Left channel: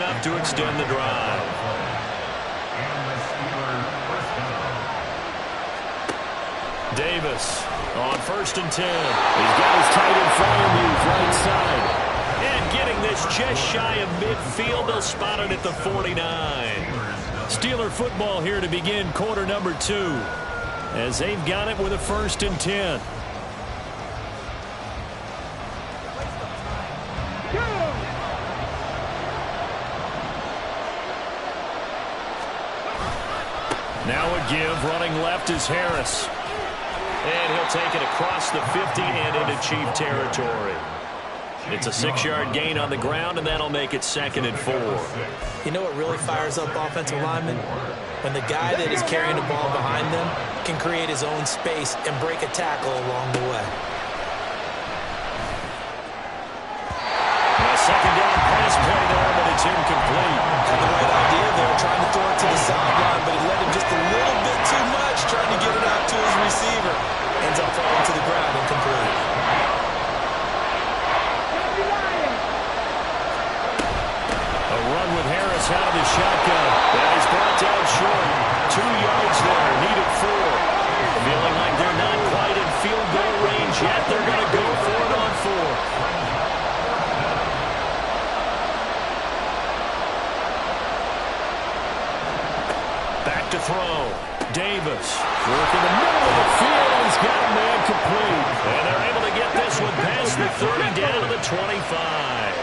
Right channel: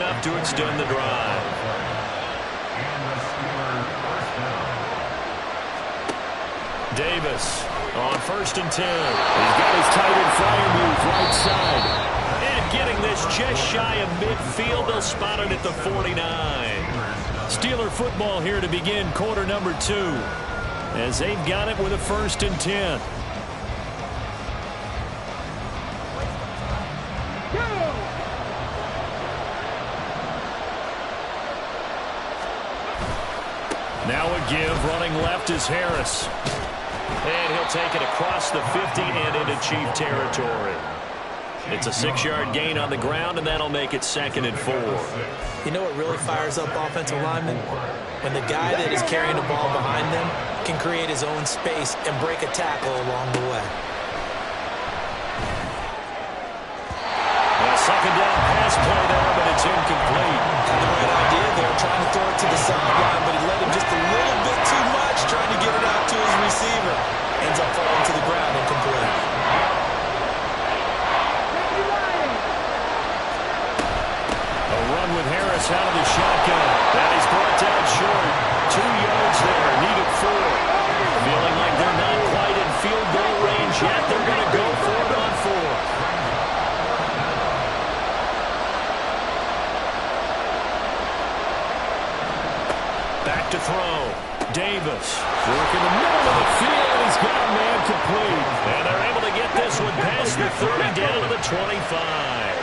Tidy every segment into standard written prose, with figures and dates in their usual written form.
enough to extend the drive. Davis on 1st and 10. He's got his tight end flyer move right side. And getting this just shy of midfield. They'll spot it at the 49. Steeler football here to begin quarter number 2. As they've got it with a 1st and 10. Now a give, running left is Harris. And he'll take it across the 50 and into Chief territory. It's a 6-yard gain on the ground, and that'll make it 2nd and 4. You know what really fires up offensive linemen? When the guy that is carrying the ball behind them can create his own space and break a tackle along the way. A 2nd down pass play there, but it's incomplete. Had the right idea there, trying to throw it to the sideline, but he let him just a little bit too much, trying to get it out to his receiver. Ends up falling to the ground, incomplete. A run with Harris out of the shotgun. And he's brought down short. 2 yards there, needed 4. Feeling like they're not quite in field goal range yet. They're going to go for it on 4th. Back to throw. Davis work in the middle of the field, and he's got a man complete. And they're able to get this one past the 30 down to the 25.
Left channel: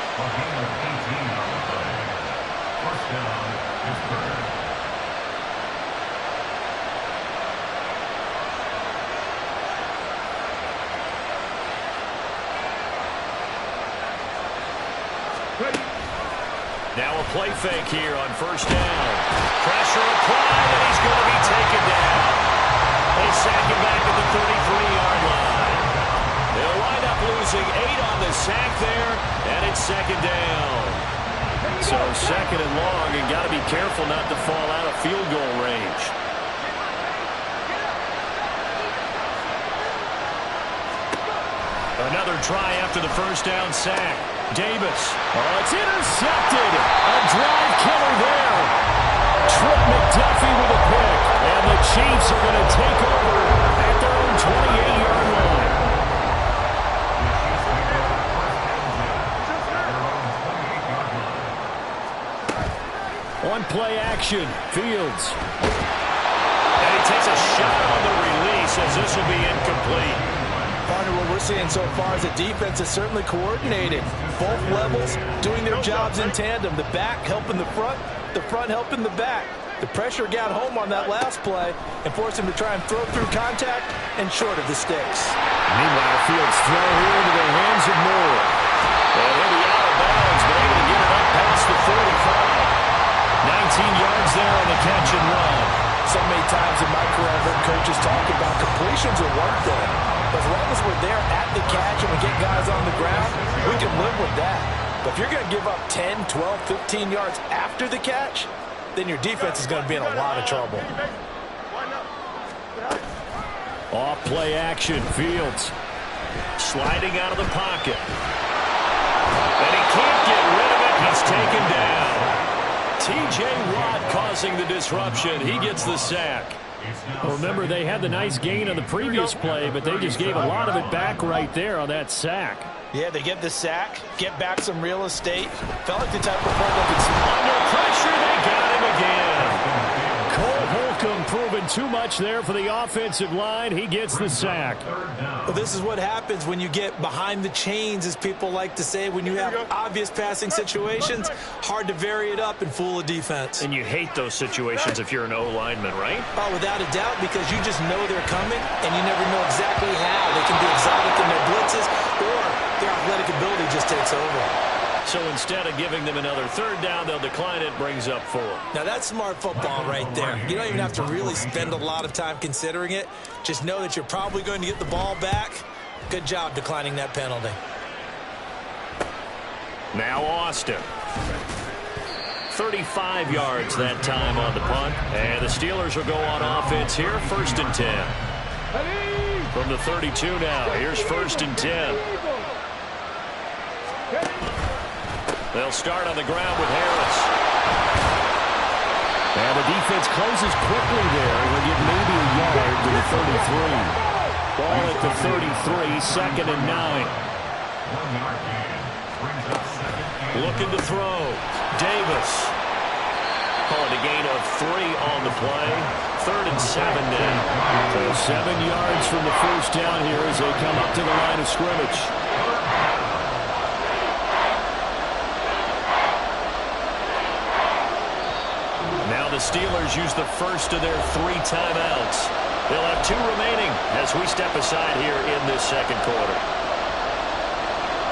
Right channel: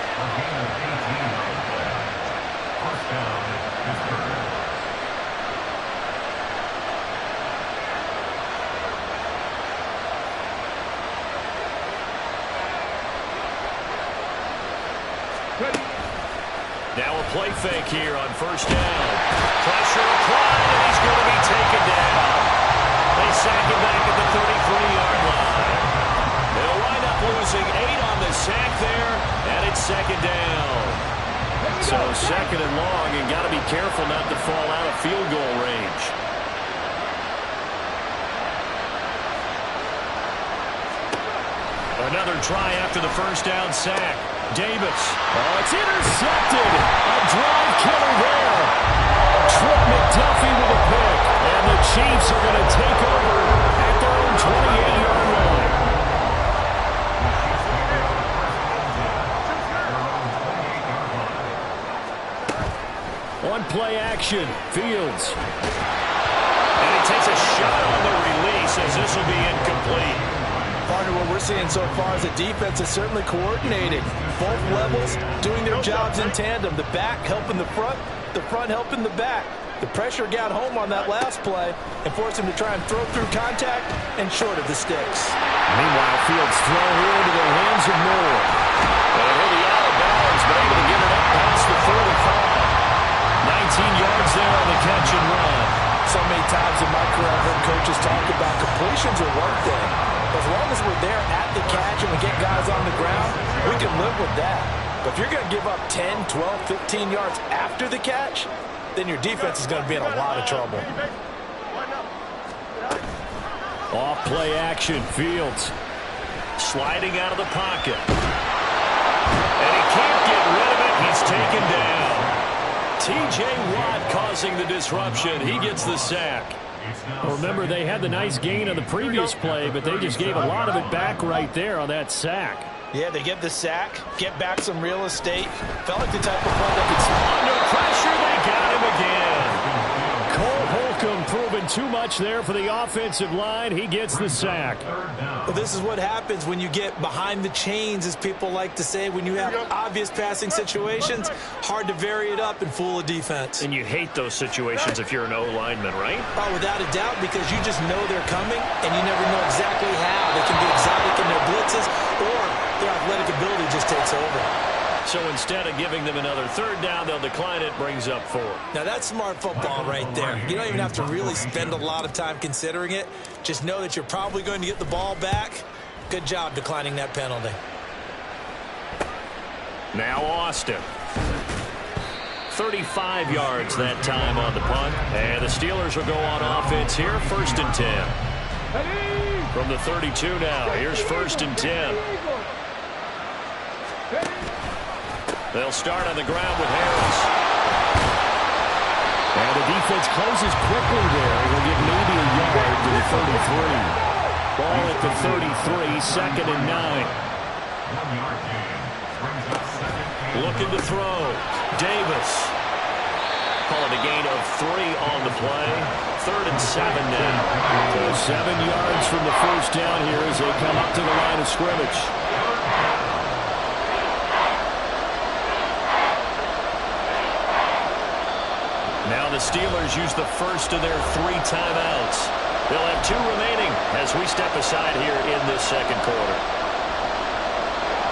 Now a play fake here on 1st down. Pressure applied, and he's going to be taken down. They sack him back at the 33-yard line. They'll wind up losing 8 on the sack there, and it's 2nd down. So 2nd and long, and got to be careful not to fall out of field goal range. Another try after the 1st down sack. Davis. Oh, it's intercepted. A drive killer there. Trent McDuffie with a pick. And the Chiefs are going to take over at their own 28-yard line. On play action, Fields. And he takes a shot on the release as this will be incomplete. Partner, what we're seeing so far is the defense is certainly coordinated. Both levels doing their jobs in tandem. The back helping the front helping the back. The pressure got home on that last play and forced him to try and throw through contact and short of the sticks. Meanwhile, Fields throw here into the hands of Moore. And he'll be out of bounds, but able to get it up past the 45. 19 yards there on the catch and run. So many times in my career I've heard coaches talk about completions are one thing. As long as we're there at the catch and we get guys on the ground, we can live with that. But if you're going to give up 10, 12, 15 yards after the catch, then your defense is going to be in a lot of trouble. Off play action, Fields. Sliding out of the pocket. And he can't get rid of it. He's taken down. T.J. Watt causing the disruption. He gets the sack. Well, remember, they had the nice gain on the previous play, but they just gave a lot of it back right there on that sack. Yeah, they get the sack, get back some real estate. Felt like the type of play that could... Under pressure, they got him again. Cole Holcomb proving too much there for the offensive line. He gets the sack. Well, this is what happens when you get behind the chains, as people like to say. When you have obvious passing situations, hard to vary it up and fool a defense. And you hate those situations if you're an O-lineman, right? Oh, without a doubt, because you just know they're coming, and you never know exactly how. They can be exotic in their blitzes, or their athletic ability just takes over. So instead of giving them another 3rd down, they'll decline it, brings up 4. Now, that's smart football right there. You don't even have to really spend a lot of time considering it. Just know that you're probably going to get the ball back. Good job declining that penalty. Now Austin. 35 yards that time on the punt. And the Steelers will go on offense here, 1st and 10. From the 32 now, here's 1st and 10. They'll start on the ground with Harris. And the defense closes quickly there. He'll get maybe a yard to the 33. Ball at the 33, 2nd and 9. 1 yard gain. Brings up 2nd and Looking to throw. Davis. Call it a gain of 3 on the play. 3rd and 7 now. So 7 yards from the first down here as they come up to the line of scrimmage. Now the Steelers use the first of their 3 timeouts. They'll have 2 remaining as we step aside here in this second quarter.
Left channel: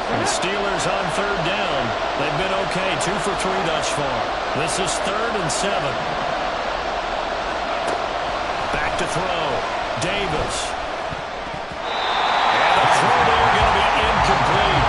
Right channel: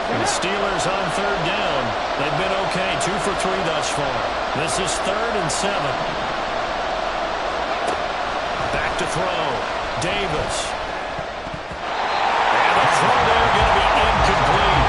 The Steelers on 3rd down. They've been okay, 2 for 3 thus far. This is 3rd and 7. Back to throw. Davis. And the throw there going to be incomplete.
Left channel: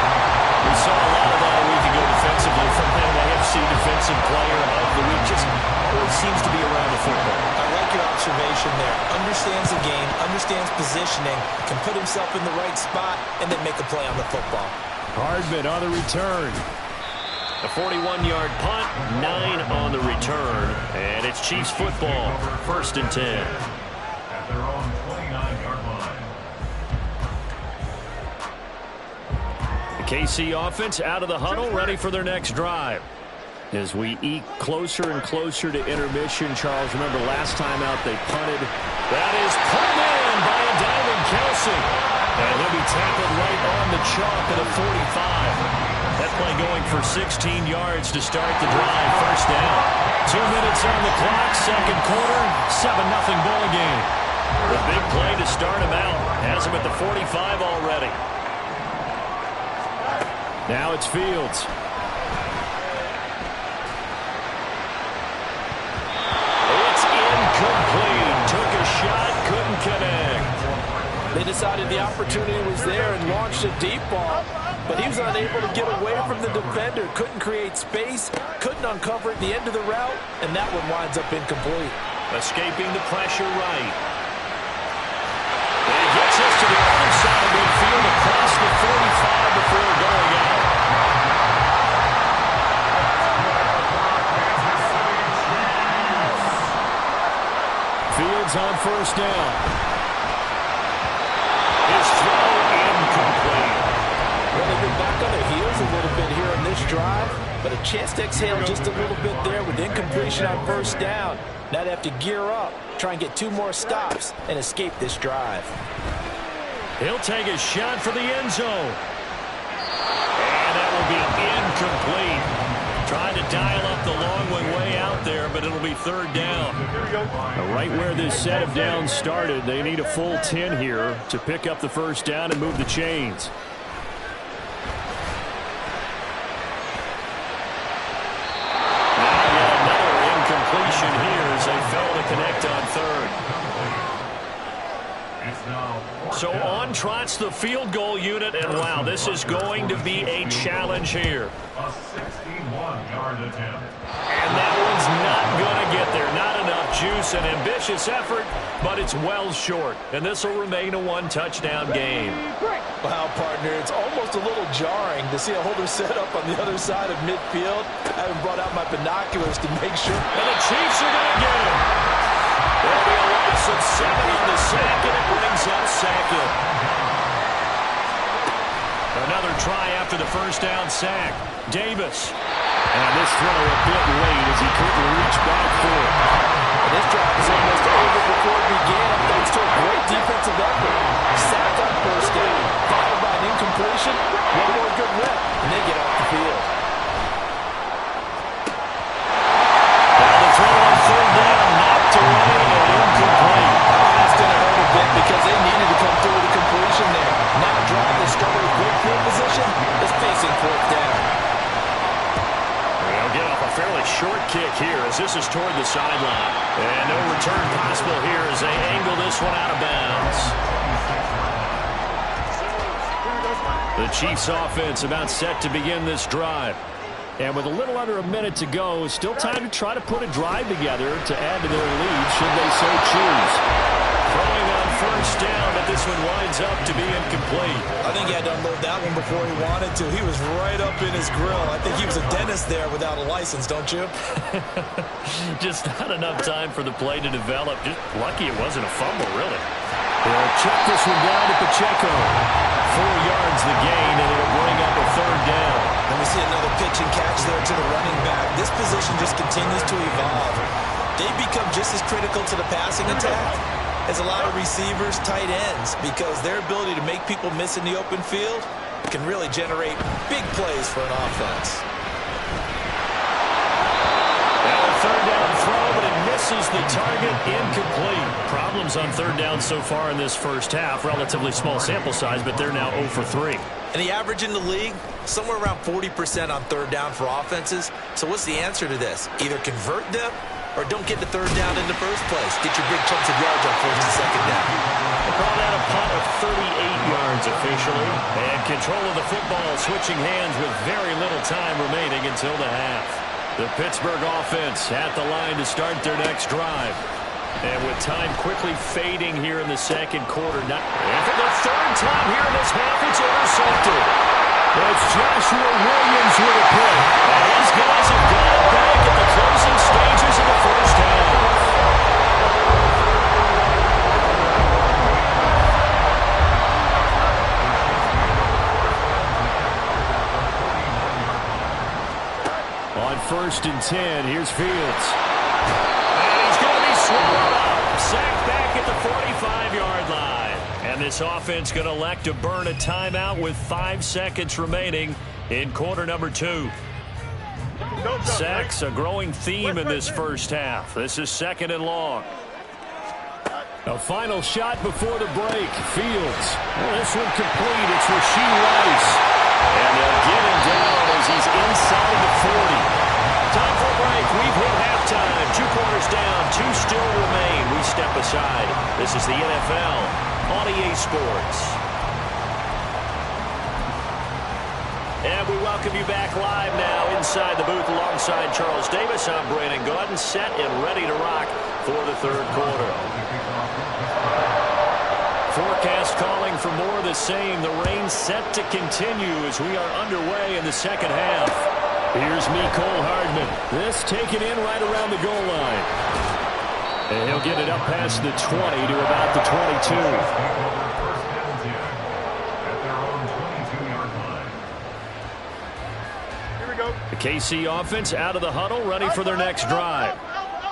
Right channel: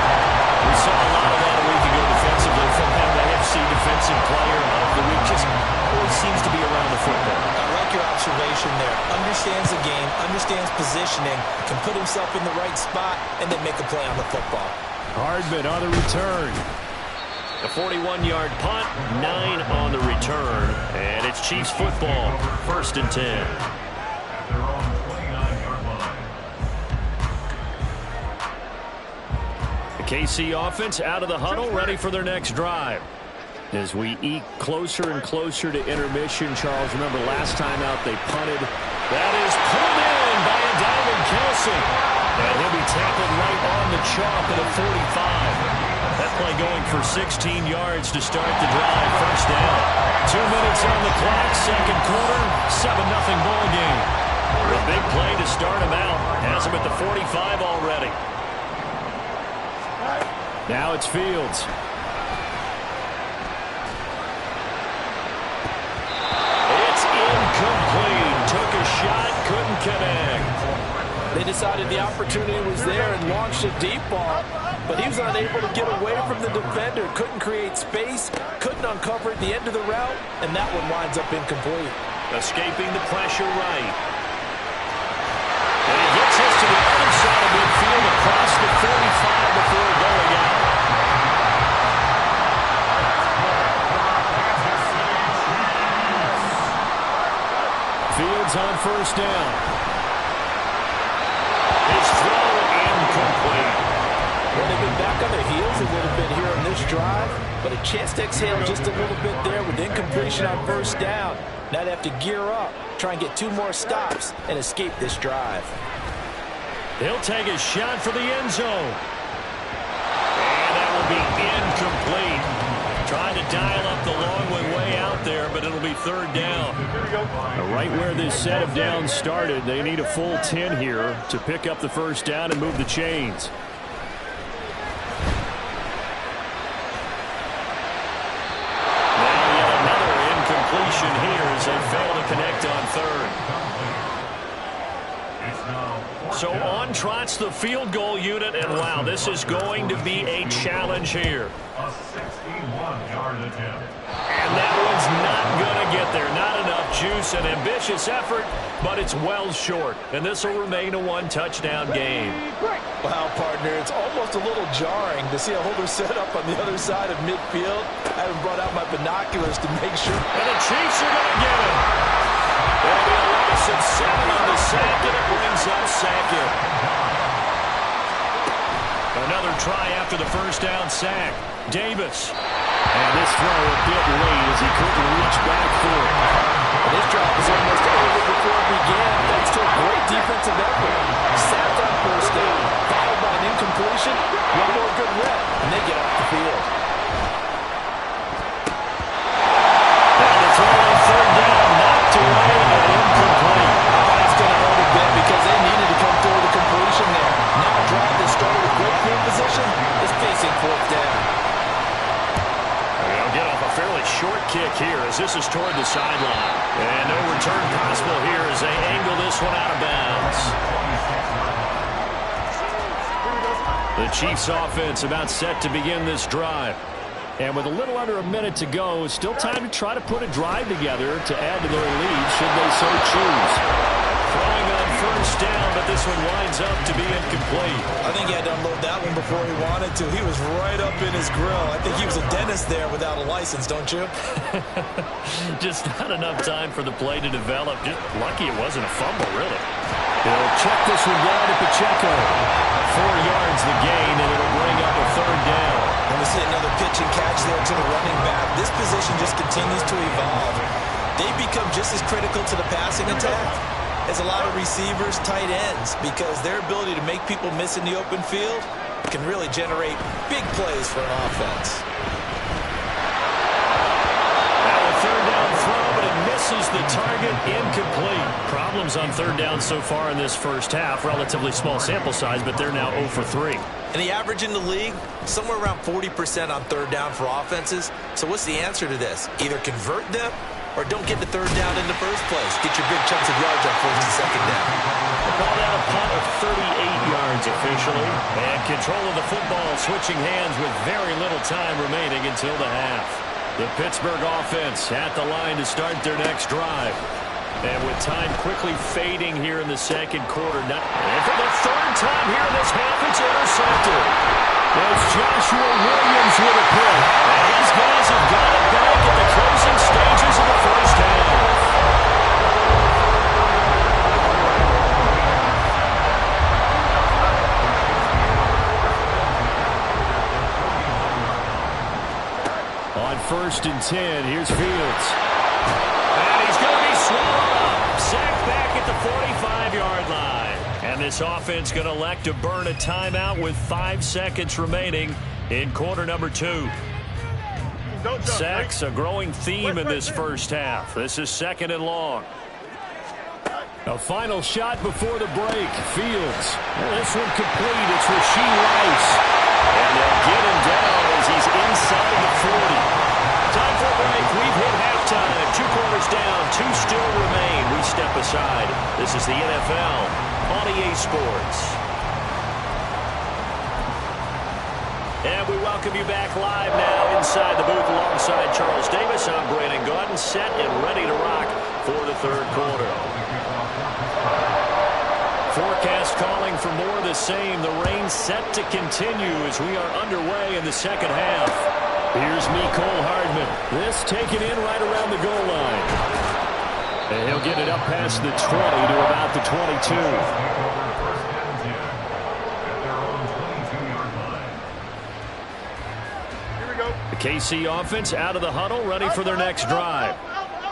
We saw a lot of that a week ago defensively from him. AFC Defensive Player of the Week. Just always seems to be around the football. I like your observation there. Understands the game, understands positioning, can put himself in the right spot, and then make a play on the football. Hardman on the return. A 41-yard punt, 9 on the return. And it's Chiefs football, 1st and 10. at their own 29-yard line. The KC offense out of the huddle, ready for their next drive. As we eke closer and closer to intermission, Charles, remember last time out they punted. That is pulled in by a diving Kelsey. And he'll be tackled right on the chalk at a 45. That play going for 16 yards to start the drive. First down. 2 minutes on the clock, second quarter, 7-0 ball game. The big play to start him out. Has him at the 45 already. Now it's Fields. It's incomplete. Took a shot, couldn't connect. They decided the opportunity was there and launched a deep ball, but he was unable to get away from the defender. Couldn't create space, couldn't uncover at the end of the route, and that one winds up incomplete. Escaping the pressure right. And he gets us to the other side of midfield across the 45 before going out. Fields on first down. His throw incomplete. Well, they've been back on their heels a little bit here on this drive, but a chance to exhale just a little bit there with incompletion on first down. Now they have to gear up, try and get 2 more stops, and escape this drive. He'll take a shot for the end zone. And that will be incomplete. Trying to dial up the long one way out there, but it'll be 3rd down. Right where this set of downs started, they need a full 10 here to pick up the first down and move the chains. Now yet another incompletion here as they fail to connect on 3rd. So on trots the field goal unit, and wow, this is going to be a challenge here. A 61-yard attempt. And that one's not going to get there. Not enough juice, an ambitious effort, but it's well short. And this will remain a 1-touchdown game. Wow, partner, it's almost a little jarring to see a holder set up on the other side of midfield. I haven't brought out my binoculars to make sure. And the Chiefs are going to get him. There'll be a loss of 7 on the sack, and it brings up Sackett. Another try after the first down sack. Davis. And this throw a bit late as he couldn't reach back for it. And this drive was almost over before it began thanks to a great defensive effort. Sacked on first down, followed by an incompletion. One more good rep, and they get off the field. Now the throw on 3rd down, knocked away and incomplete. Oh, that's going to hurt a bit because they needed to come through with a completion there. Now a drive that started with great field position is facing 4th down. They'll get off a fairly short kick here as this is toward the sideline. And no return possible here as they angle this one out of bounds. The Chiefs offense about set to begin this drive. And with a little under a minute to go, still time to try to put a drive together to add to their lead should they so choose. Throwing on first down, but this one winds up to be incomplete. I think he had to unload that one before he wanted to. He was right up in his grill. I think he was a dentist there without a license, don't you? Just not enough time for the play to develop. Just lucky it wasn't a fumble, really. He'll check this one down to Pacheco. 4 yards the gain, and it'll bring up a third down. And we see another pitch and catch there to the running back. This position just continues to evolve. They become just as critical to the passing attack as a lot of receivers, tight ends, because their ability to make people miss in the open field can really generate big plays for an offense. Now a third down throw, but it misses the target, incomplete. Problems on third down so far in this first half. Relatively small sample size, but they're now 0 for 3. And the average in the league, somewhere around 40% on third down for offenses. So what's the answer to this? Either convert them or don't get the third down in the first place. Get your big chunks of yards on first and second down. We'll call that a punt of 38 yards officially. And control of the football switching hands with very little time remaining until the half. The Pittsburgh offense at the line to start their next drive. And with time quickly fading here in the second quarter. And for the third time here in this half, it's intercepted. It's Joshua Williams with a pick. And his guys have got it back at the closing stages of the first half. On 1st and 10, here's Fields. And he's going to be swallowed up. Sacked back at the 45-yard line. And this offense going to elect to burn a timeout with 5 seconds remaining in quarter number 2. Sacks, a growing theme in this first half. This is 2nd and long. A final shot before the break. Fields. Well, this one complete. It's Rashee Rice. And they'll get him down as he's inside the 40. Time for a break. We've hit halftime. 2 quarters down. 2 still remain. We step aside. This is the NFL on EA Sports. And we welcome you back live now inside the booth alongside Charles Davis. I'm Brandon Gaudin, set and ready to rock for the third quarter. Forecast calling for more of the same. The rain set to continue as we are underway in the second half. Here's Mecole Hardman. This taken in right around the goal line. And he'll get it up past the 20 to about the 22. The KC offense out of the huddle, ready for their next drive.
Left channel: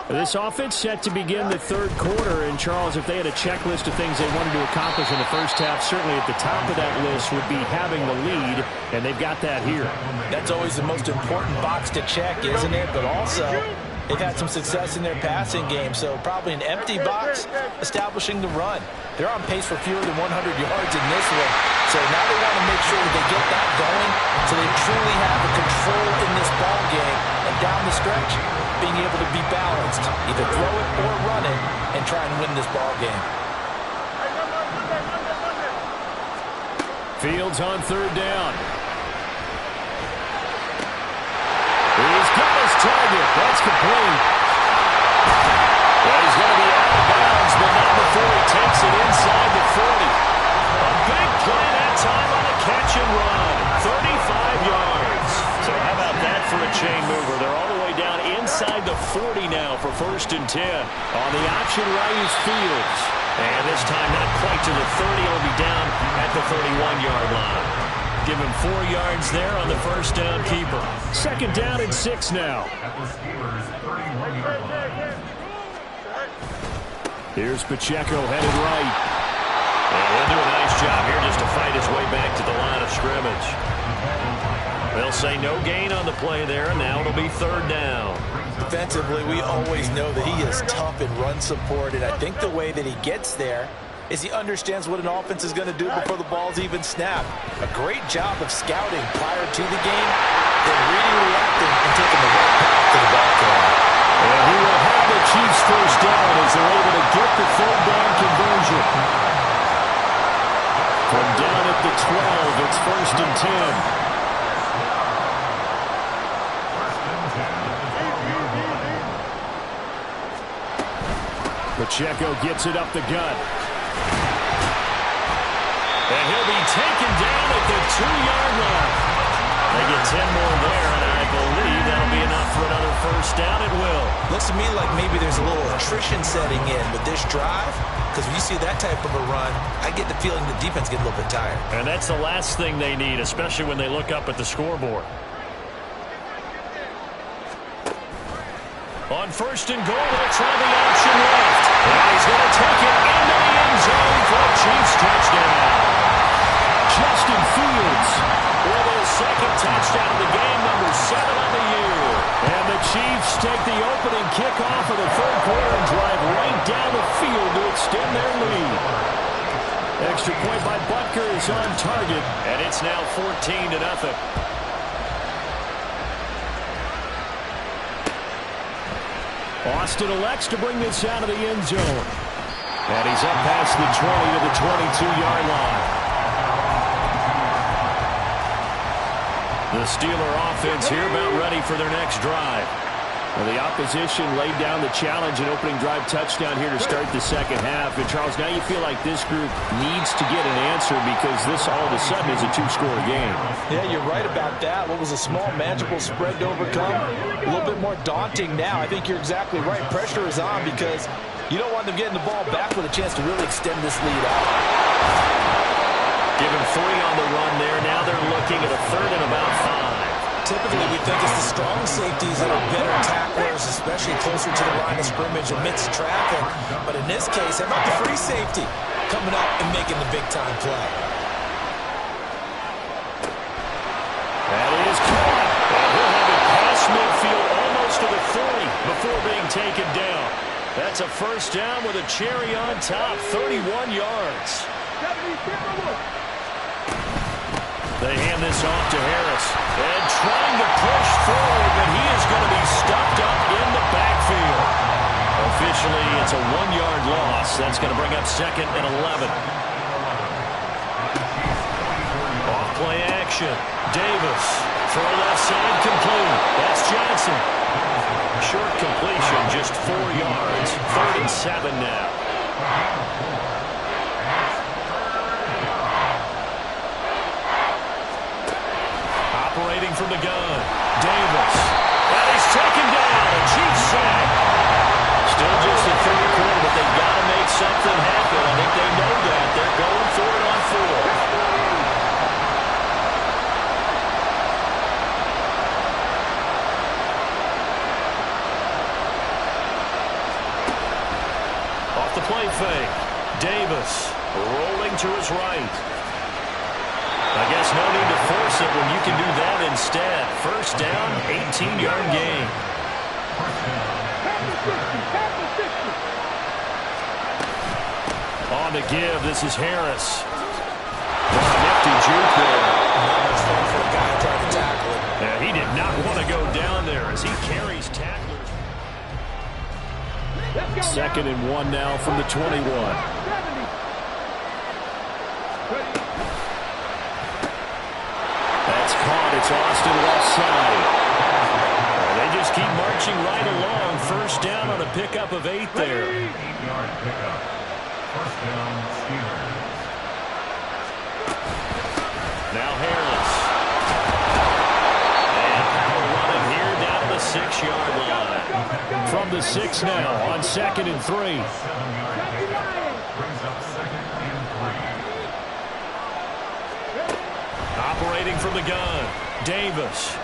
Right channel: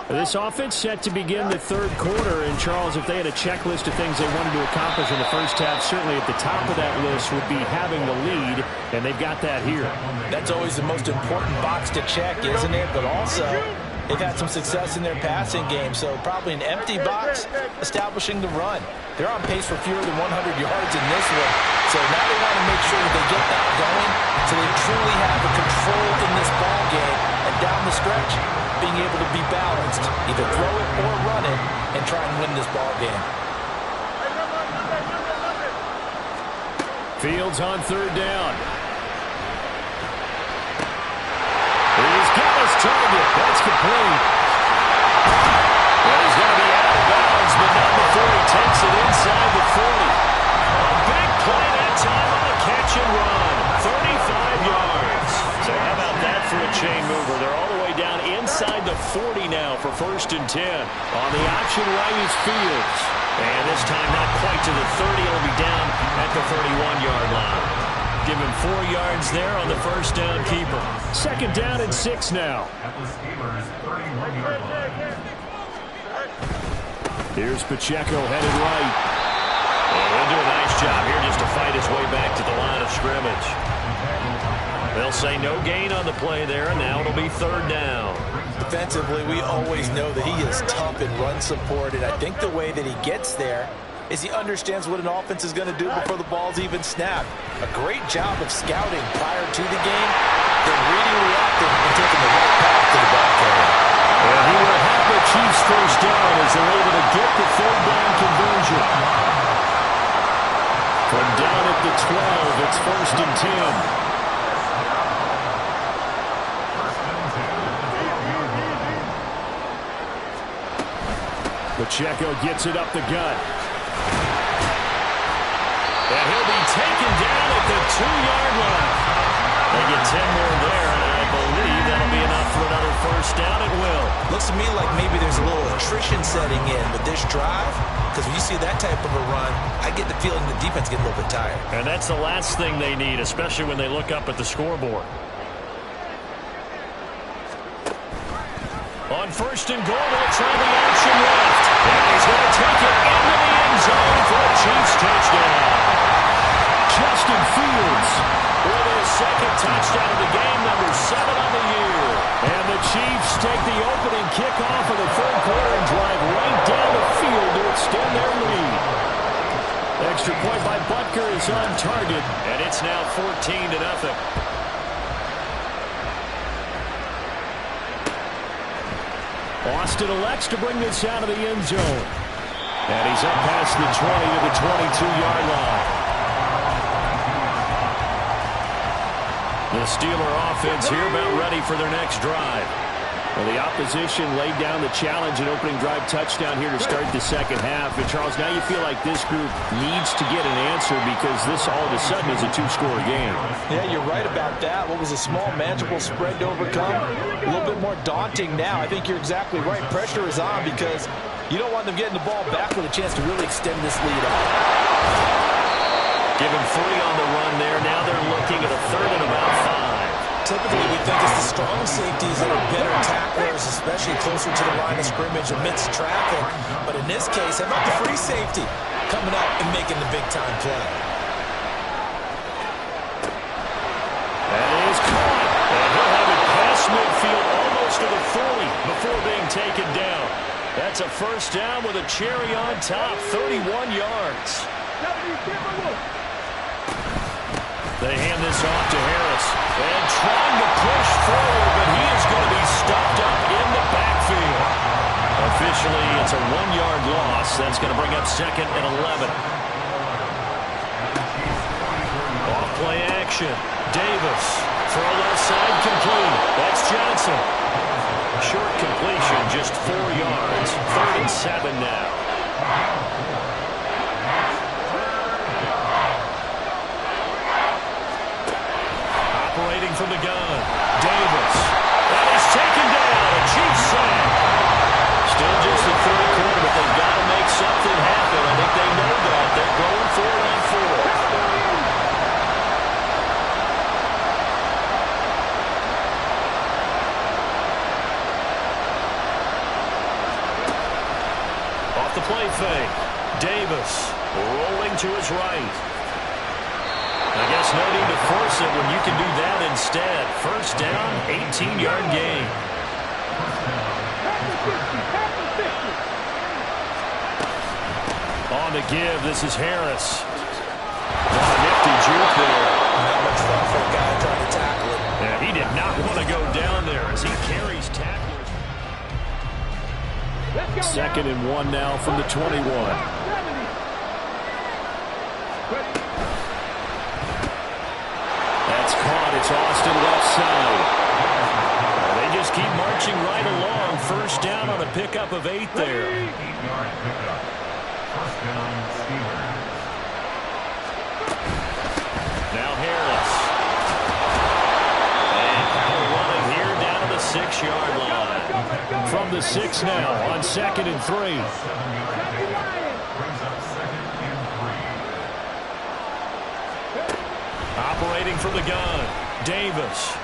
This offense set to begin the third quarter. And, Charles, if they had a checklist of things they wanted to accomplish in the first half, certainly at the top of that list would be having the lead, and they've got that here. That's always the most important box to check, isn't it? But also, they've had some success in their passing game, so probably an empty box establishing the run. They're on pace for fewer than 100 yards in this one, so now they want to make sure that they get that going so they truly have a control in this ball game, and down the stretch, being able to be balanced, either throw it or run it, and try and win this ball game. Fields on third down. He's got his target. That's complete. And he's going to be out of bounds, but not before he takes it inside the 40. A big play that time on a catch and run. 35 yards. So how about that for a chain mover? They're all the way down inside the 40 now for 1st and 10. On the option right is Fields. And this time not quite to the 30. He'll be down at the 31-yard line. Give him 4 yards there on the first down keeper. 2nd down and 6 now. Here's Pacheco headed right. And he'll do a nice job here just to fight his way back to the line of scrimmage. They'll say no gain on the play there, and now it'll be 3rd down. Defensively, we always know that he is tough in run support, and I think the way that he gets there is he understands what an offense is going to do before the ball's even snapped. A great job of scouting prior to the game, then reading, reacting, and taking the right path to the ball carrier. And he will have the Chiefs first down as they're able to get the 3rd down conversion. From down at the 12, it's 1st and 10. Pacheco gets it up the gut. And he'll be taken down at the 2-yard line. They get 10 more there, and I believe that'll be enough for another first down. It will. Looks to me like maybe there's a little attrition setting in with this drive, because when you see that type of a run, I get the feeling the defense gets a little bit tired. And that's the last thing they need, especially when they look up at the scoreboard. On first and goal, they'll try the option left. And he's going to take it into the end zone for a Chiefs touchdown. Justin Fields with his second touchdown of the game, number 7 on the year. And the Chiefs take the opening kickoff of the third quarter and drive right down the field to extend their lead. Extra point by Butker is on target. And it's now 14-0. Austin elects to bring this out of the end zone. And he's up past the 20 to the 22-yard line. The Steeler offense here about ready for their next drive. Well, the opposition laid down the challenge and opening drive touchdown here to start the second half. And, Charles, now you feel like this group needs to get an answer because this all of a sudden is a two-score game. Yeah, you're right about that. What was a small, manageable spread to overcome, a little bit more daunting now. I think you're exactly right. Pressure is on because you don't want them getting the ball back with a chance to really extend this lead out. Give him 3 on the run there. Now they're looking at a 3rd and about 5. Typically, we think it's the strong safeties that are better tacklers, especially closer to the line of scrimmage amidst traffic. But in this case, how about the free safety coming up and making the big-time play? That is caught. And he'll have it past midfield almost to the 40 before being taken down. That's a first down with a cherry on top, 31 yards. They hand this off to Harris. And trying to push forward, but he is going to be stuffed up in the backfield. Officially, it's a 1-yard loss. That's going to bring up 2nd and 11. Off play action. Davis. Throw left side complete. That's Johnson. Short completion, just 4 yards. 3rd and 7 now. Operating from the gun. Davis. That is taken down. A Chiefs sack. Still just the third quarter, but they've got to make something happen. I think they know that. They're going for it on 4. Off the play fake. Davis rolling to his right. I guess no need to force it when you can do that instead. First down, 18-yard gain. On the give, this is Harris. Oh, nifty juke there. Not much fun for a guy trying to tackle it. Yeah, he did not want to go down there as he carries tacklers. 2nd and 1 now from the 21. That's caught. It's Austin left side. They just keep marching right along. First down on a pickup of 8 there. 8-yard pickup. First down, Steelers. Now Harris. And power running here down to the 6-yard line. From the 6 now on 2nd and 3. 7-yard pickup. Brings up 2nd and 3. Operating from the gun, Davis.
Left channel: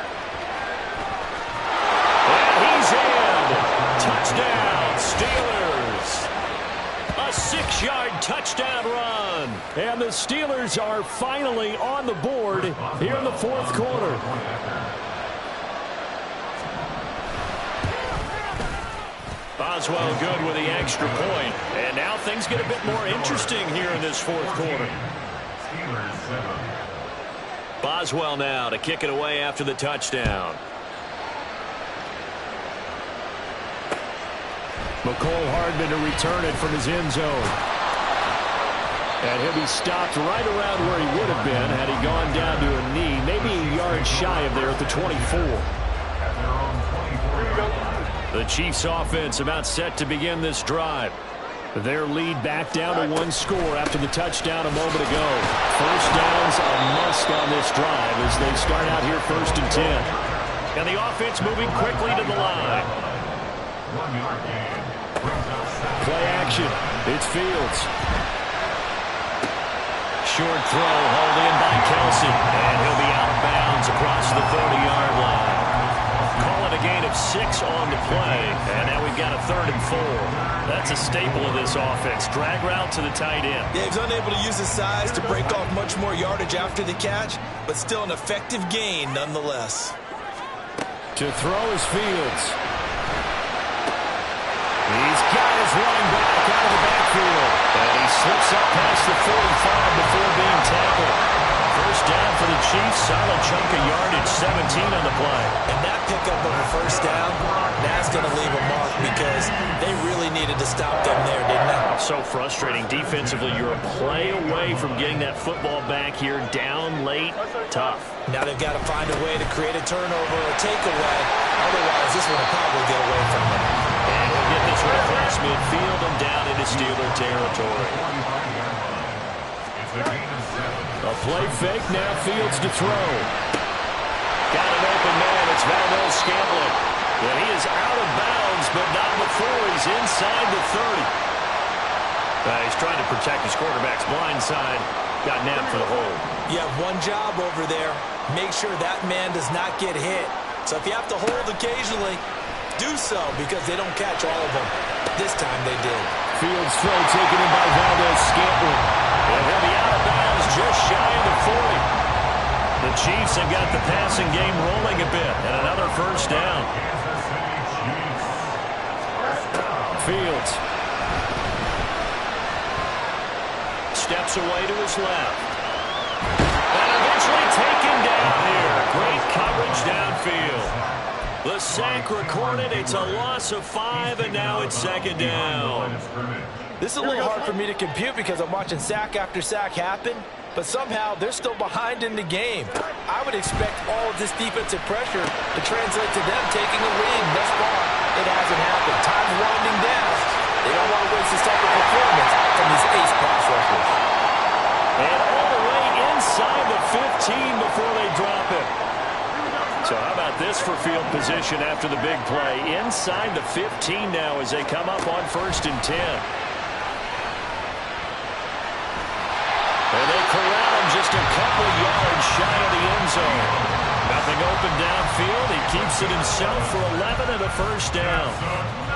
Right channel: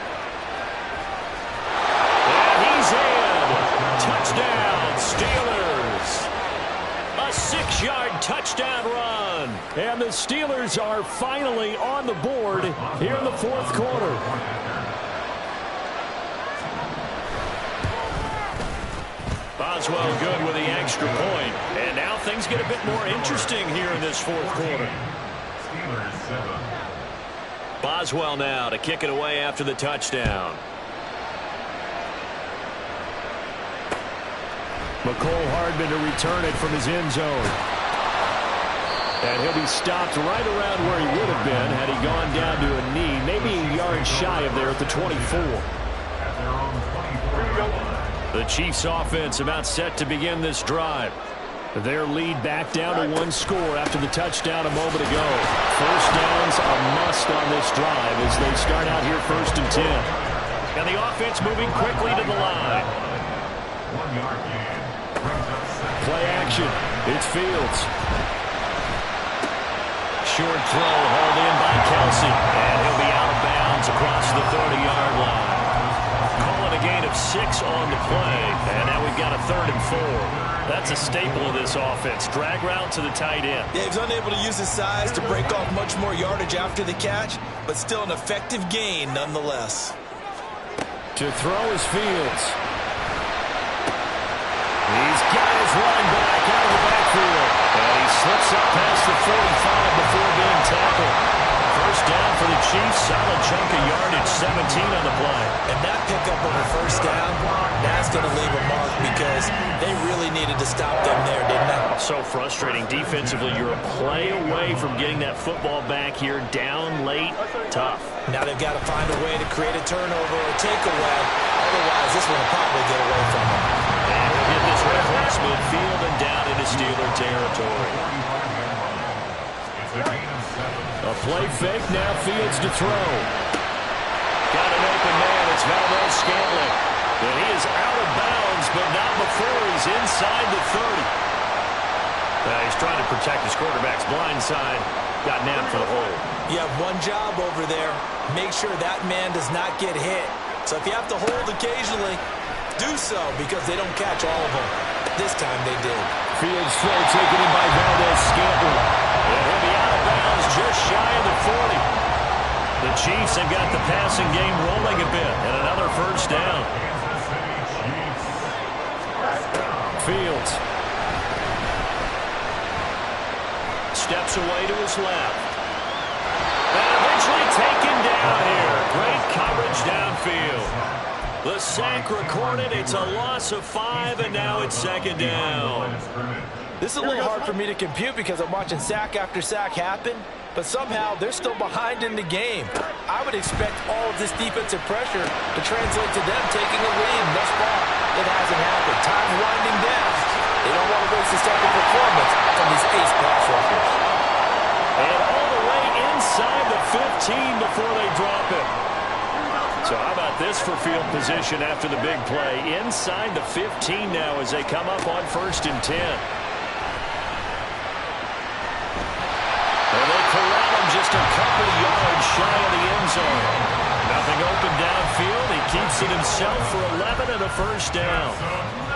And he's in. Touchdown, Steelers. A 6-yard touchdown run. And the Steelers are finally on the board here in the fourth quarter. Boswell good with the extra point. And now things get a bit more interesting here in this fourth quarter. Steelers 7. Boswell now to kick it away after the touchdown. McCole Hardman to return it from his end zone. And he'll be stopped right around where he would have been had he gone down to a knee, maybe a yard shy of there at the 24. At their own 24-yard line. The Chiefs offense about set to begin this drive. Their lead back down to one score after the touchdown a moment ago. First down's a must on this drive as they start out here 1st and 10. And the offense moving quickly to the line. 1 yard gain. Brings up 7. Play action. It's Fields. Short throw hauled in by Kelsey. And he'll be out of bounds across the 30-yard line. Call it a gain of 6 on the play. And now we've got a 3rd and 4. That's a staple of this offense. Drag route to the tight end. Yeah, he's unable to use his size to break off much more yardage after the catch, but still an effective gain nonetheless. To throw is Fields. He's got his running back out of the backfield. And he slips up past the 45 before being tackled. First down for the Chiefs. Solid chunk of yardage, 17 on the play. And that pickup of a first down, that's going to leave a mark because they really needed to stop them there, didn't they? So frustrating. Defensively, you're a play away from getting that football back here. Down late, tough. Now they've got to find a way to create a turnover or takeaway. Otherwise, this one will probably get away from them. And he'll get this one across midfield and down into Steeler territory. It's a gain of 7. A play fake, now Fields to throw. Got an open man. It's Valdez-Scantling. And he is out of bounds, but not before he's inside the 30. He's trying to protect his quarterback's blind side. Got nabbed for the hold. You have one job over there. Make sure that man does not get hit. So if you have to hold occasionally, do so because they don't catch all of them. This time they did. Fields throw taken in by Valdez-Scantling. And he'll be out of bounds just shy of the 40. The Chiefs have got the passing game rolling a bit. And another first down. Kansas City Chiefs. First down. Fields. Steps away to his left. And eventually taken down here. Great coverage downfield. The sack recorded. It's a loss of 5, and now it's 2nd down. This is a little hard for me to compute because I'm watching sack after sack happen, but somehow they're still behind in the game. I would expect all of this defensive pressure to translate to them taking a lead. Thus far, it hasn't happened. Time's winding down. They don't want to waste this type of performance from these ace pass rushers. And all the way inside the 15 before they drop it. So how about this for field position after the big play? Inside the 15 now as they come up on 1st and 10. And they corral him just a couple yards shy of the end zone. Nothing open downfield. He keeps it himself for 11 and a first down.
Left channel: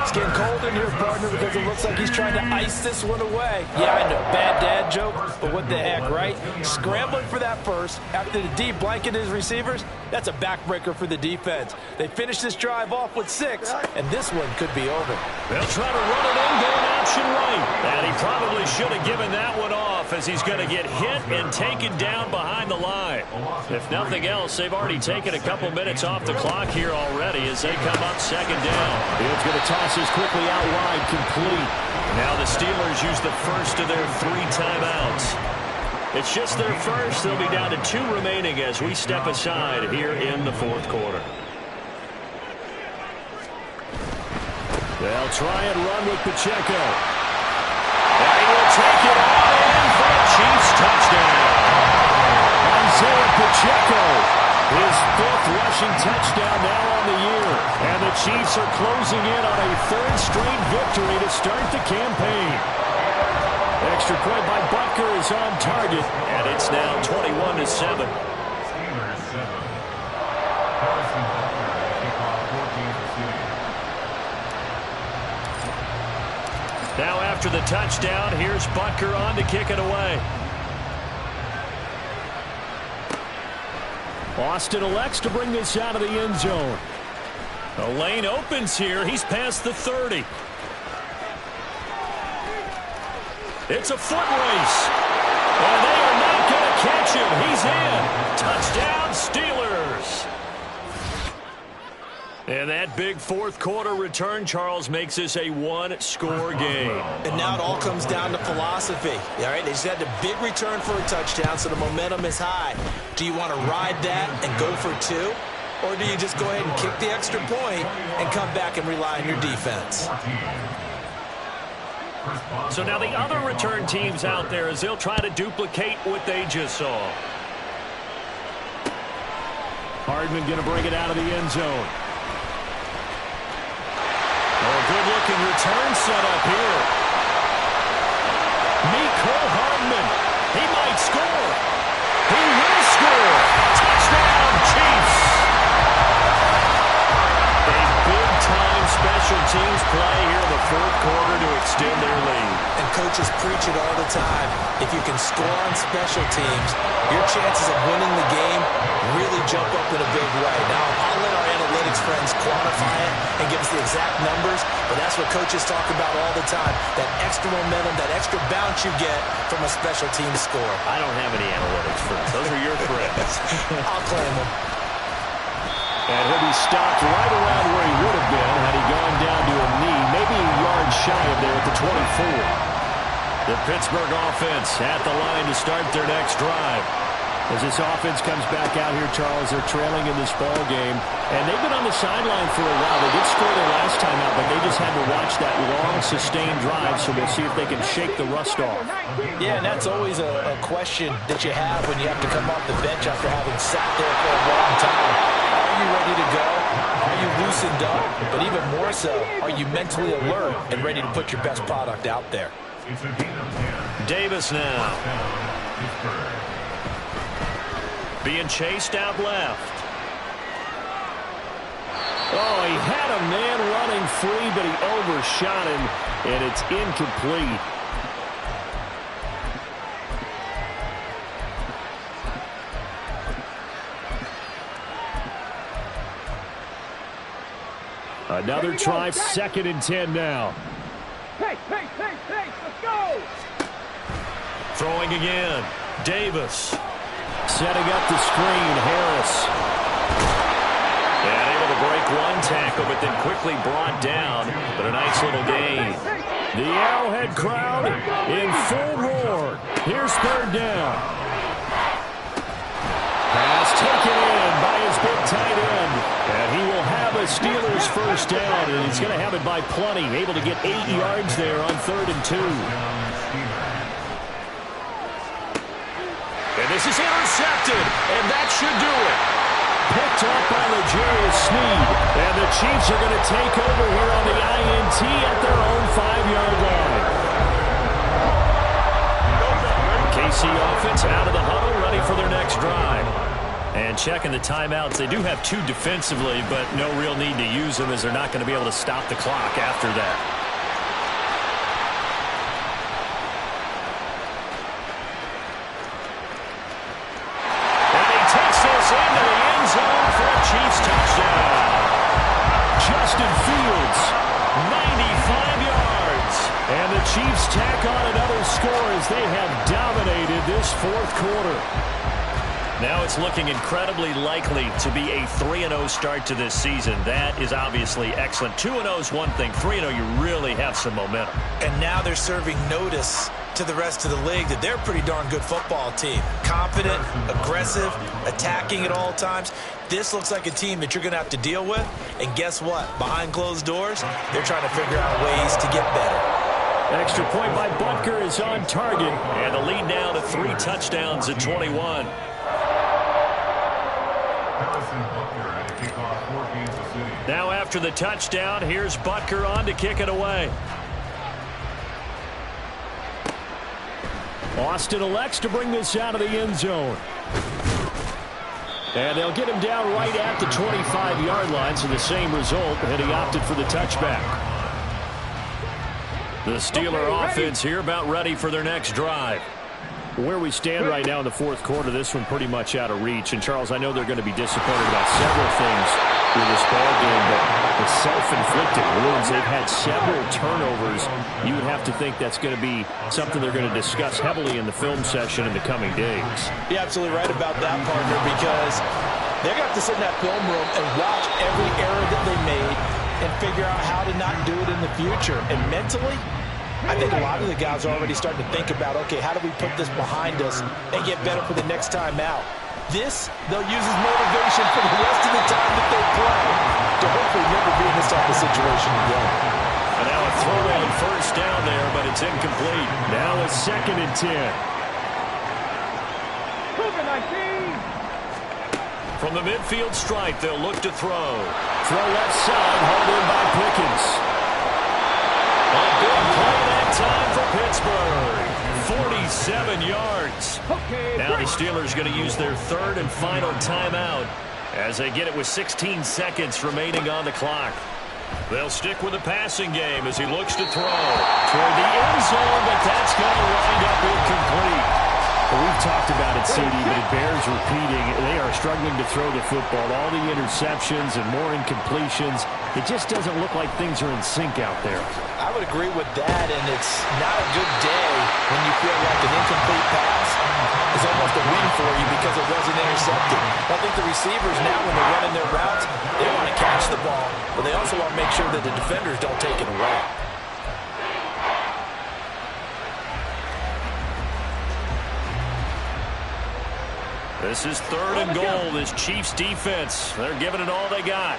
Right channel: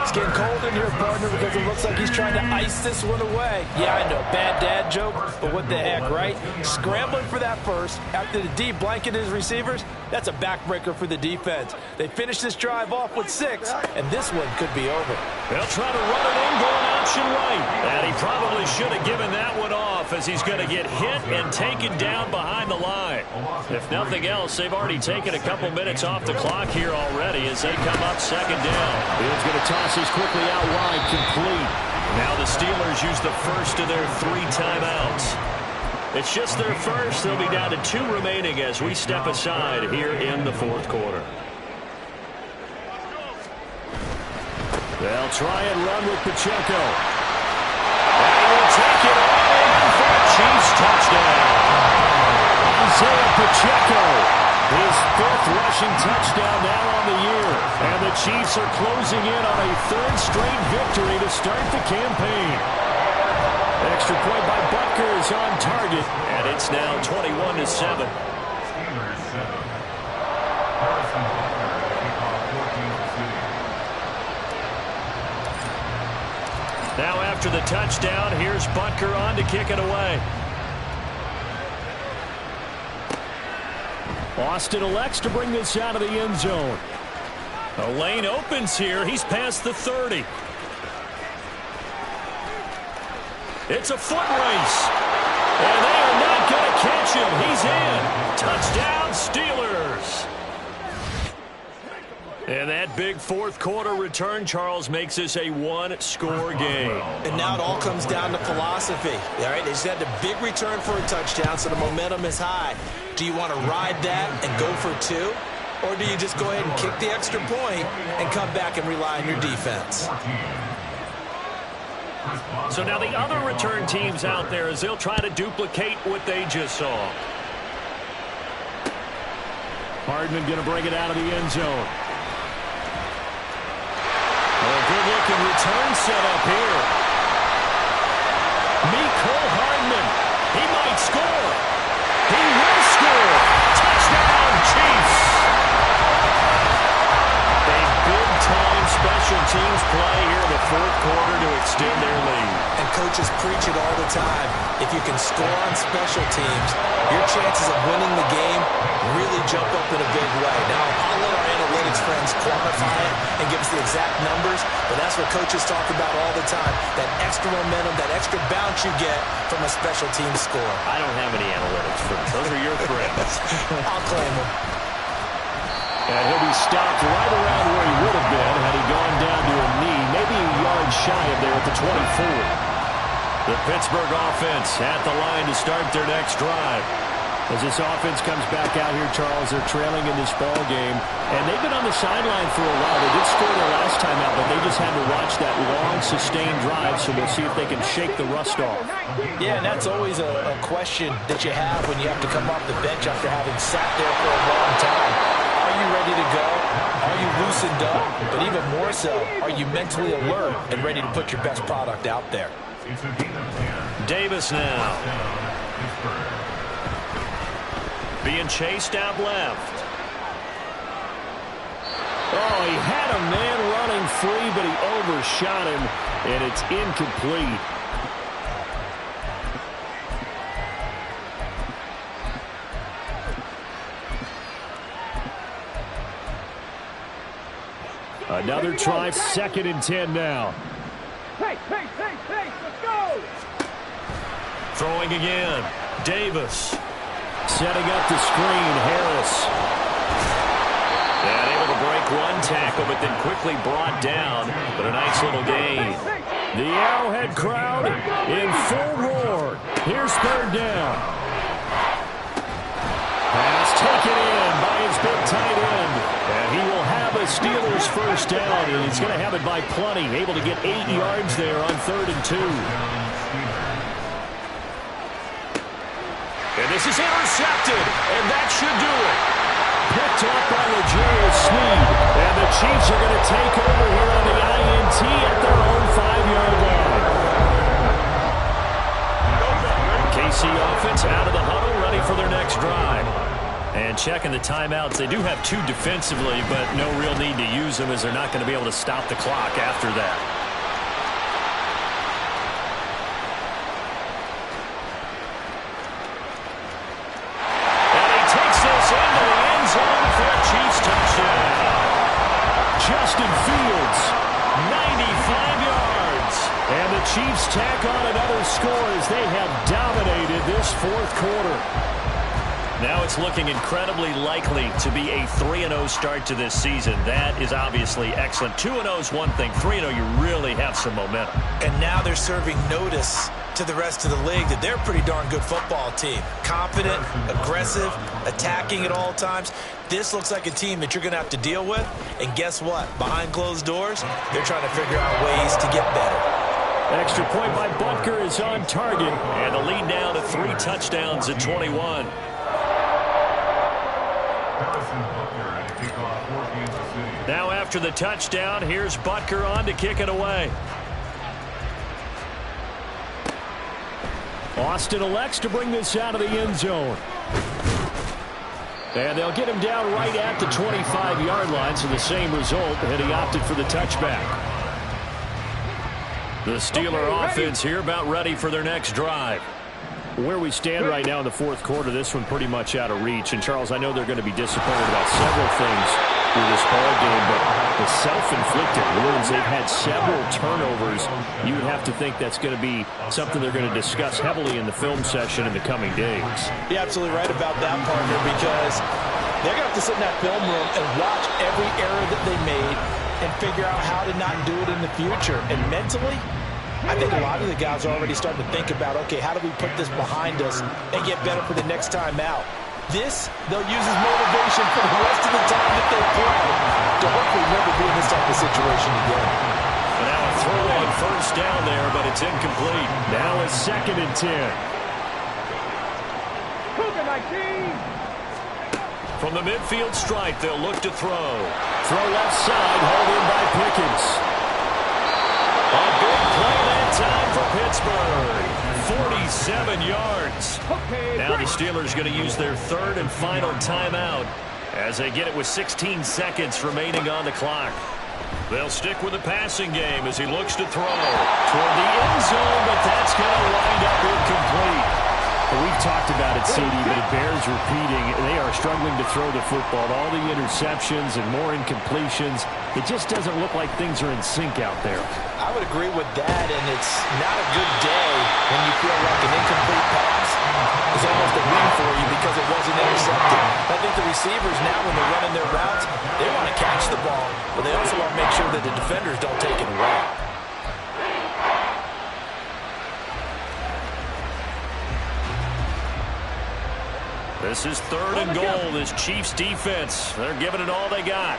It's getting cold in here, partner, because it looks like he's trying to ice this one away. Yeah, I know, bad dad joke, but what the heck, right? Scrambling for that first after the D blanket his receivers, that's a backbreaker for the defense. They finish this drive off with 6, and this one could be over. They'll try to run it in, going option right. And he probably should have given that one off as he's going to get hit and taken down behind the line. If nothing else, they've already taken a couple minutes off the clock here already as they come up 2nd down. Fields going to toss this quickly out wide, complete. Now the Steelers use the first of their 3 timeouts. It's just their first. They'll be down to 2 remaining as we step aside here in the 4th quarter. They'll try and run with Pacheco. And he will take it all in for a Chiefs touchdown. Isaiah Pacheco. His 5th rushing touchdown now on the year. And the Chiefs are closing in on a 3rd straight victory to start the campaign. Extra point by Butker is on target. And it's now 21-7. Steelers 7. Harrison Butker to kick off for Kansas City. Now after the touchdown, here's Butker on to kick it away. Austin elects to bring this out of the end zone. The lane opens here. He's past the 30. It's a foot race. And they are not going to catch him. He's in. Touchdown, Steelers. And that big 4th quarter return, Charles, makes this a 1-score game. And now it all comes down to philosophy. All right, they just had a big return for a touchdown, so the momentum is high. Do you want to ride that and go for 2? Or do you just go ahead and kick the extra point and come back and rely on your defense? So now the other return teams out there as they'll try to duplicate what they just saw. Hardman going to bring it out of the end zone. Oh, good-looking return set up here. Cole Hardman. He might score. He will score. Touchdown, Chiefs. A big-time special teams play here in the fourth quarter to extend their lead. And coaches preach it all the time. If you can score on special teams, your chances of winning the game really jump up in a big way. Now, I'll let our analytics friends quantify it and give us the exact numbers, but that's what coaches talk about all the time, that extra momentum, that extra bounce you get from a special team score. I don't have any analytics friends. Those are your friends. I'll claim them. And he'll be stopped right around where he would have been had he gone down to a knee, maybe a yard shy of there at the 24. The Pittsburgh offense at the line to start their next drive. As this offense comes back out here, Charles, they're trailing in this ball game, and they've been on the sideline for a while. They did score their last time out, but they just had to watch that long, sustained drive, so we'll see if they can shake the rust off. Yeah, and that's always a question that you have when you have to come off the bench after having sat there for a long time. Are you ready to go? Are you loosened up? But even more so, are you mentally alert and ready to put your best product out there? Davis now. Being chased out left. Oh, he had a man running free, but he overshot him, and it's incomplete. Another try, 2nd and 10 now. Hey, let's go! Throwing again. Davis. Setting up the screen, Harris. And able to break one tackle, but then quickly brought down. But a nice little gain. The Arrowhead crowd in full roar. Here's 3rd down. Pass taken in by his big tight end. And he will have a Steelers first down, and he's going to have it by plenty. Able to get 8 yards there on 3rd and 2. And this is intercepted, and that should do it. Picked off by L'Jarius Sneed. And the Chiefs are going to take over here on the INT at their own 5-yard line. KC offense out of the huddle, ready for their next drive. And checking the timeouts. They do have 2 defensively, but no real need to use them as they're not going to be able to stop the clock after that. And he takes this into the end zone for a Chiefs touchdown. Justin Fields, 95 yards. and the Chiefs tack on another score as they have dominated this fourth quarter. Now it's looking incredibly likely to be a 3-0 start to this season. That is obviously excellent. 2-0 is one thing. 3-0, you really have some momentum. And now they're serving notice to the rest of the league that they're a pretty darn good football team. Confident, aggressive, attacking at all times. This looks like a team that you're going to have to deal with. And guess what? Behind closed doors, they're trying to figure out ways to get better. Extra point by Butker is on target. And the lead now to 3 touchdowns at 21. Now after the touchdown, here's Butker on to kick it away. Austin elects to bring this out of the end zone. And they'll get him down right at the 25-yard line, so the same result, and he opted for the touchback. The Steeler offense here about ready for their next drive. Where we stand right now in the fourth quarter, this one pretty much out of reach. And, Charles, I know they're going to be disappointed about several things with this ball game, but the self-inflicted wounds, they've had several turnovers. You would have to think that's going to be something they're going to discuss heavily in the film session in the coming days. You're absolutely right about that, partner, because they're going to have to sit in that film room and watch every error that they made and figure out how to not do it in the future. And mentally, I think a lot of the guys are already starting to think about, okay, how do we put this behind us and get better for the next time out? This, they'll use as motivation for the rest of the time that they play to hopefully never be in this type of situation again. And now a throw on first down there, but it's incomplete. Now a 2nd and 10. Cougar 19. From the midfield stripe, they'll look to throw. Throw left side, hauled in by Pickens. A big play that time for Pittsburgh. 47 yards. Okay, Now the break. Steelers going to use their 3rd and final timeout as they get it with 16 seconds remaining on the clock. They'll stick with the passing game as he looks to throw toward the end zone, but that's going to wind up incomplete. Well, we've talked about it, CD, but it bears repeating. They are struggling to throw the football. All the interceptions and more incompletions. It just doesn't look like things are in sync out there. I would agree with that, and it's not a good day when you feel like an incomplete pass is almost a win for you because it wasn't intercepted. I think the receivers now, when they're running their routes, they want to catch the ball, but they also want to make sure that the defenders don't take it away. This is 3rd and goal, this Chiefs defense. They're giving it all they got.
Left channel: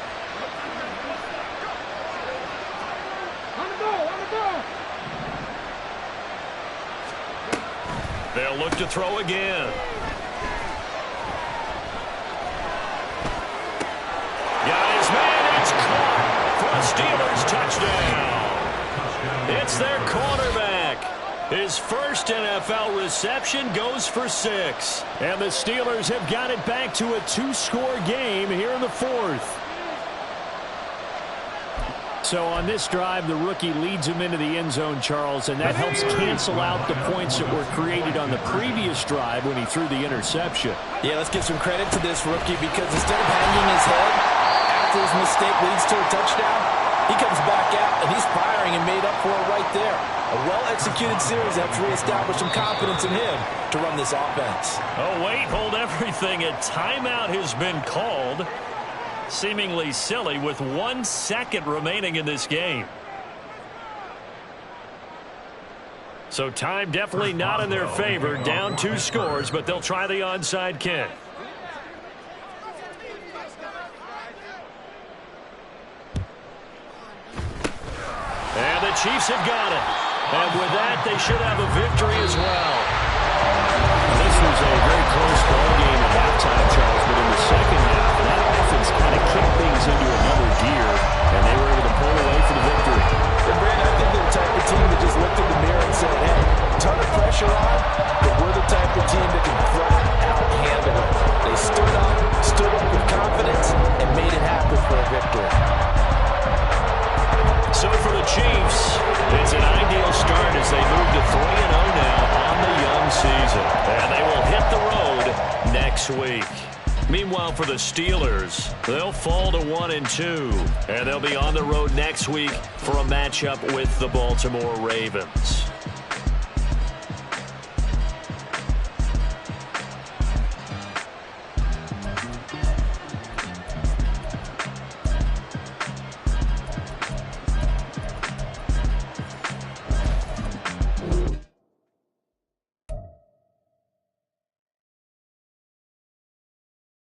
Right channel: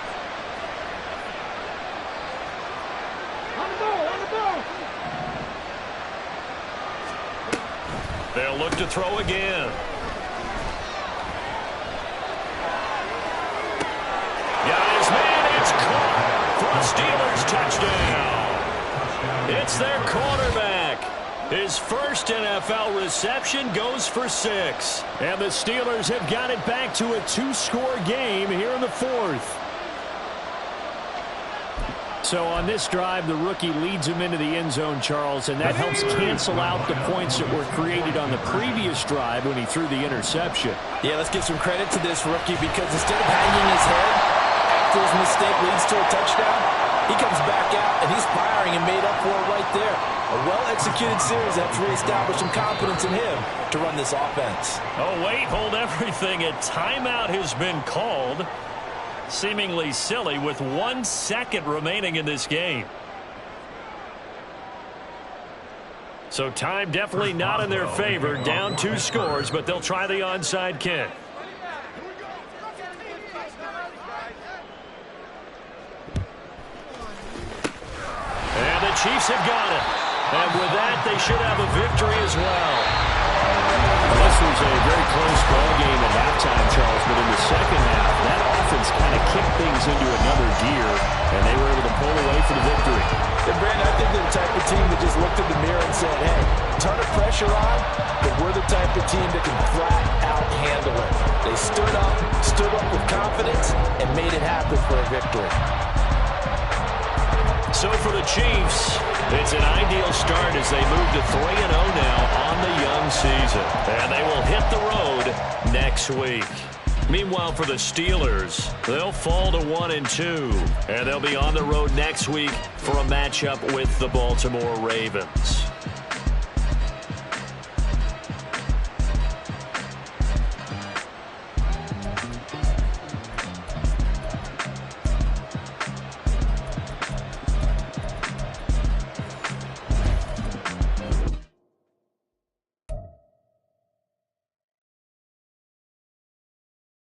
On the ball, on the ball. They'll look to throw again. Got his man, it's caught for a Steelers touchdown. It's their quarterback. His first NFL reception goes for 6. And the Steelers have got it back to a 2-score game here in the 4th. So on this drive, the rookie leads him into the end zone, Charles, and that helps cancel out the points that were created on the previous drive when he threw the interception. Yeah, let's give some credit to this rookie because instead of hanging his head after his mistake leads to a touchdown, he comes back out and he's firing and made up for it right there. A well-executed series helps reestablish some confidence in him to run this offense. Oh, wait, hold everything. A timeout has been called. Seemingly silly with 1 second remaining in this game. So time definitely not in their favor. Down 2 scores, but they'll try the onside kick. And the Chiefs have got it. And with that, they should have a victory as well. This was a very close ball game at halftime, Charles, but in the second half, that offense kind of kicked things into another gear, and they were able to pull away for the victory. And Brandon, I think they're the type of team that just looked in the mirror and said, hey, ton of pressure on, but we're the type of team that can flat out handle it. They stood up with confidence, and made it happen for a victory. So for the Chiefs, it's an ideal start as they move to 3-0 now on the young season. And they will hit the road next week. Meanwhile, for the Steelers, they'll fall to 1-2. And they'll be on the road next week for a matchup with the Baltimore Ravens.